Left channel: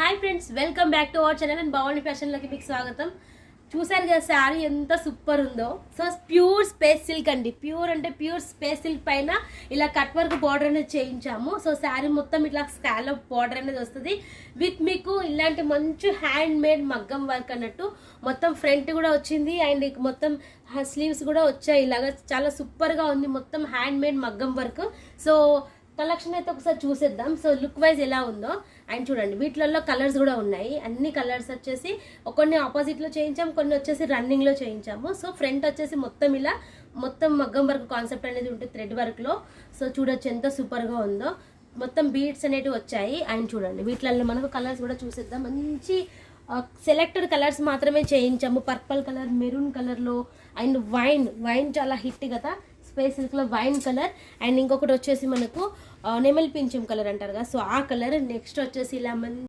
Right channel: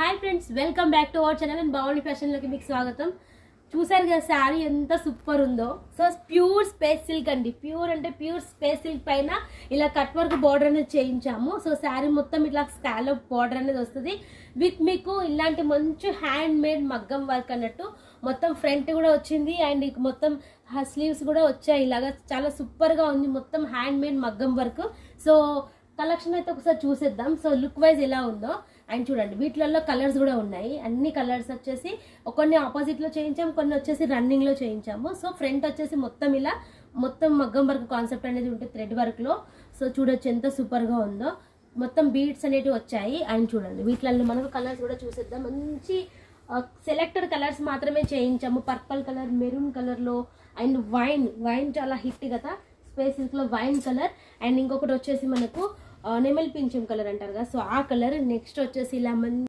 Hi friends, welcome back to our channel and బాగుండి ఫ్యాషన్లోకి మీకు స్వాగతం. చూసారు కదా శారీ ఎంత సూపర్ ఉందో. సో ప్యూర్ స్పేస్ సిల్క్ అండి, ప్యూర్ అంటే ప్యూర్ స్పేస్ సిల్క్ పైన ఇలా కట్ వర్క్ బార్డర్ అనేది చేయించాము. సో శారీ మొత్తం ఇట్లా స్కాలప్ బార్డర్ అనేది వస్తుంది విత్ మీకు ఇలాంటి మంచి హ్యాండ్ మేడ్ మగ్గం వర్క్ అన్నట్టు. మొత్తం ఫ్రంట్ కూడా వచ్చింది అండ్ మొత్తం స్లీవ్స్ కూడా వచ్చాయి. ఇలాగా చాలా సూపర్గా ఉంది, మొత్తం హ్యాండ్ మేడ్ మగ్గం వర్క్. సో కలెక్షన్ అయితే ఒకసారి చూసేద్దాం. సో లుక్ వైజ్ ఎలా ఉందో అండ్ చూడండి, వీటిలలో కలర్స్ కూడా ఉన్నాయి. అన్ని కలర్స్ వచ్చేసి కొన్ని ఆపోజిట్లో చేయించాము, కొన్ని వచ్చేసి రన్నింగ్లో చేయించాము. సో ఫ్రంట్ వచ్చేసి మొత్తం ఇలా మొత్తం మగ్గం వర్క్ కాన్సెప్ట్ అనేది ఉంటుంది థ్రెడ్ వర్క్లో. సో చూడొచ్చు ఎంత సూపర్గా ఉందో. మొత్తం బీడ్స్ అనేవి వచ్చాయి అండ్ చూడండి వీటిలలో మనకు కలర్స్ కూడా చూసేద్దాం. మంచి సెలెక్టెడ్ కలర్స్ మాత్రమే చేయించాము. పర్పుల్ కలర్, మెరూన్ కలర్లో అండ్ వైన్ చాలా హిట్ కదా స్పేస్ సిల్క్లో, వైన్ కలర్. అండ్ ఇంకొకటి వచ్చేసి మనకు నెమలి పింఛం కలర్ అంటారు కదా, సో ఆ కలర్. నెక్స్ట్ వచ్చేసి ఇలా